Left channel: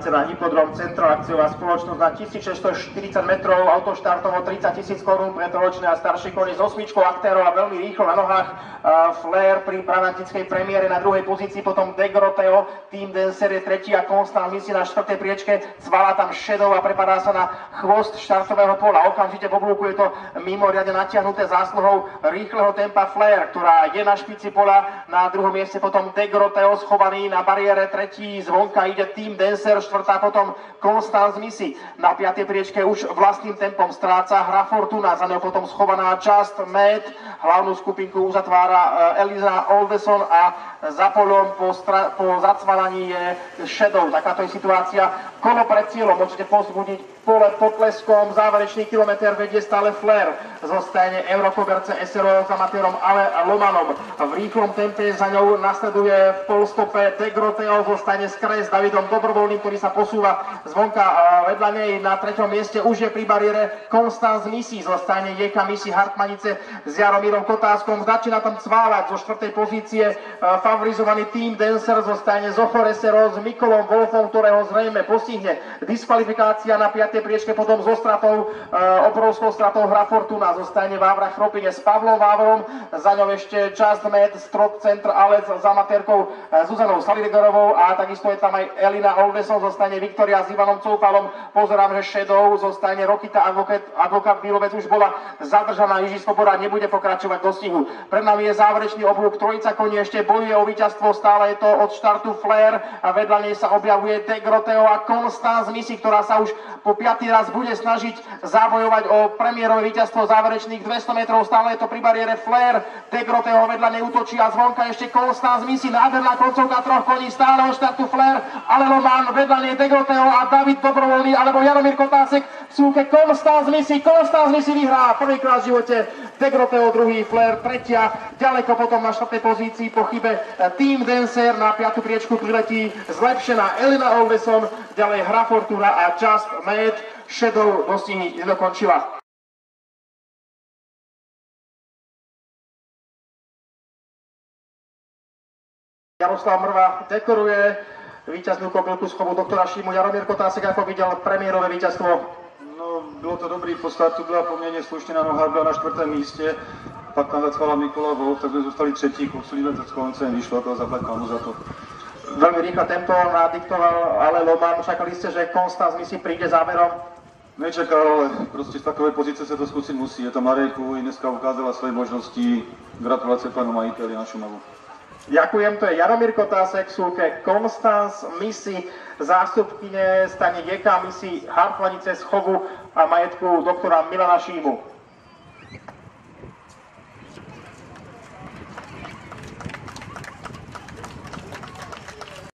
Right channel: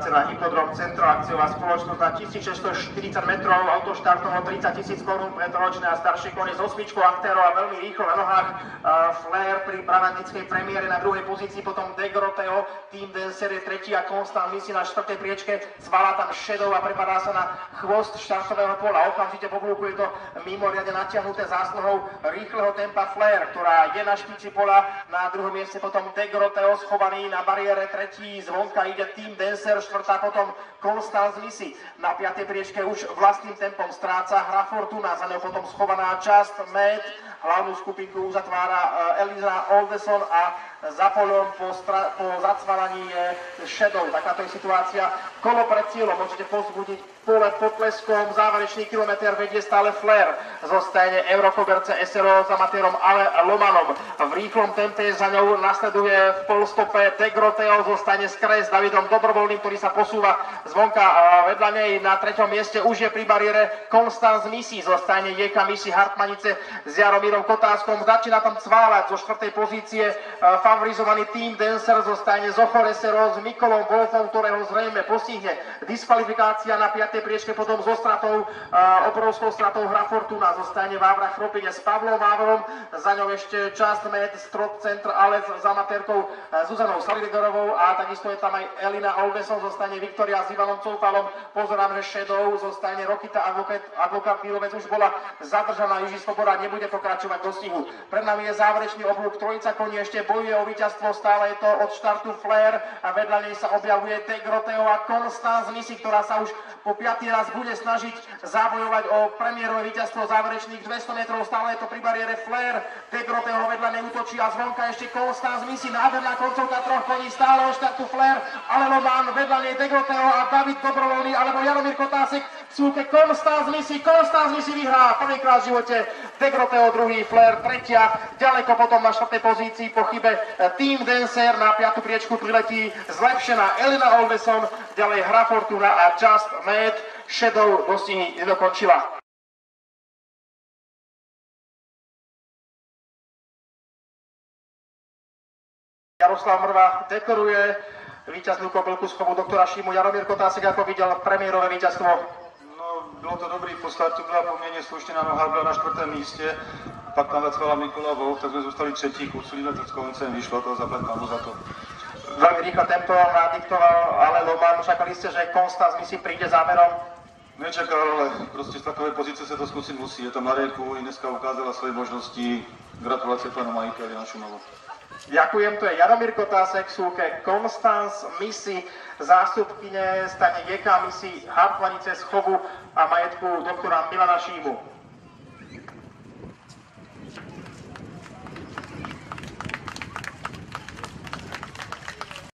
na Hypodrom Centro akciová spoločnosť na 1640 metrov, autoštartom o 30 000 korún pre trojročné a staršie konie s 8 aktérov a veľmi rýchlo na nohách. Flair pri brabantickej premiére na druhej pozícii, potom Degroteo, Team Dancer je tretí a Constant Missy na štvrtej priečke, cvala tam Shadow a prepadá sa na chvost štartového pola. Okamžite po blúku je to mimoriadne natiahnuté zásluhou rýchleho tempa Flair, ktorá je na špici pola. Na druhom mieste potom Degroteo schovaný na bariére, tretí zvonka ide Team Dancer, štvrtá potom Constant Missy. Na piatej priečke už vlastným tempom stráca Hra Fortuna, za ňou potom schovaná Just Mad. Hlavnú skupinku uzatvára Elina Oldeson a za polom po zacvalaní je Shadow. Takáto je situácia. Kolo pred cieľom môžete pozbudiť pole potleskom. Záverečný kilometr vedie stále Flair. Zostane Eurocoverce SRO s amatérom Ale Lomanom. V rýchlom tempe za ňou nasleduje v polstope Degroteo, zostane z kraje s Davidom Dobrovoľným, ktorý sa posúva zvonka vedľa nej. Na treťom mieste už je pri bariére Constant Missy. Zostane Jeka Missy Hartmanice s Jaromírom Kotáskom. Začína tam cváľať zo štvrtej pozície favorizovaný Team Dancer. Zostane Zochor SRO s Mikolom Wolfom, ktorého zrejme postihne diskvalifikácia. Na 5. priečke potom so stratou, obrovskou stratou Hra Fortuna. Zostane Vávra Chropine s Pavlom Vávrom. Za ňou ešte Just Mad, Strop Centr Alec s amatérkou Zuzanou Salidegorovou a takisto je tam aj Elina Oldeson. Zostane Viktoria s Ivanom Coufalom. Pozerám, že Shadow zostane Rokita Advokát Bílovec už bola zadržaná. Jiří Svoboda nebude pokračovať do stihu. Pred nami je záverečný oblúk, trojica koní ešte bojuje o víťazstvo, stále je to od štartu Flair a vedľa nej sa objavuje Degroteo a Constant Missy, ktorá sa už po 5. raz bude snažiť zabojovať o premiérové víťazstvo záverečných 200 metrov. Stále je to pri bariére Flair, Degroteo vedľa nej útočí a zvonka ešte Constant Missy. Nádherná koncovka troch koní, stále od štartu Flair, Ale Loman, vedľa nej Degroteo a David Dobrovoľný alebo Jaromír Kotásek v súke Constant Missy. Constant Missy vyhrá prvýkrát v živote, Degroteo druhý, Flair tretia. Ďaleko potom na štvrtej pozícii po chybe Team Dancer. Na 5. priečku priletí zlepšená Elina Oldeson, ďalej Hra Fortuna a Just Mad. Shadow dostihy nedokončila. Jaroslav Mrva dekoruje víťaznú kobylku z chovu doktora Šímu. Jaromír Kotásek, ako videl premiérové víťazstvo? No, bylo to dobrý, po startu byla poměrně slušně na nohách, byla na 4. místě. Pak tam zacvala Mikola Wolf, tak jsme zůstali třetí, kusili metr s koncem, vyšlo to, zaplať pánu za to. Veľmi rýchle tempo nadiktoval Ale Loman. Čakali ste, že Constant Missy príde záverom? Nečekal, ale prostě z takové pozice se to zkusit musí. Je to Marejku, i dneska ukázala svoje možnosti. Gratulace panu majiteľi na Šumavu. Ďakujem, to je Jaromír Kotásek, súke Constant Missy, zástupkyne stane Jeka Missy Hartmanice z chovu a majetku doktora Milana Šímu.